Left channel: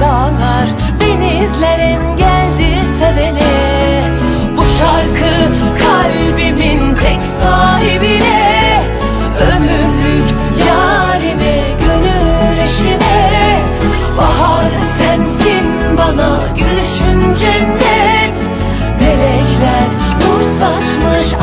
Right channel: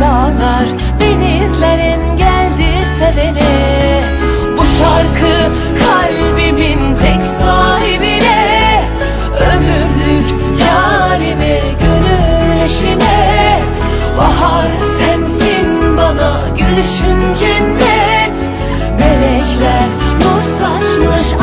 dağlar, denizler engeldir sevene. Bu şarkı kalbimin tek sahibine. Ömürlük yarime, gönül eşime. Bahar sensin bana, gülüşün cennet. Melekler nur saçmış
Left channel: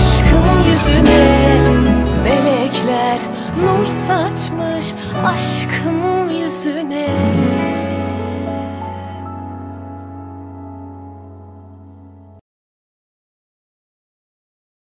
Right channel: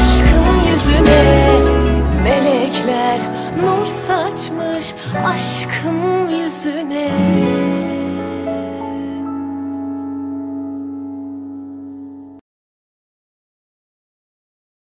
Melekler nur saçmış aşkım yüzüne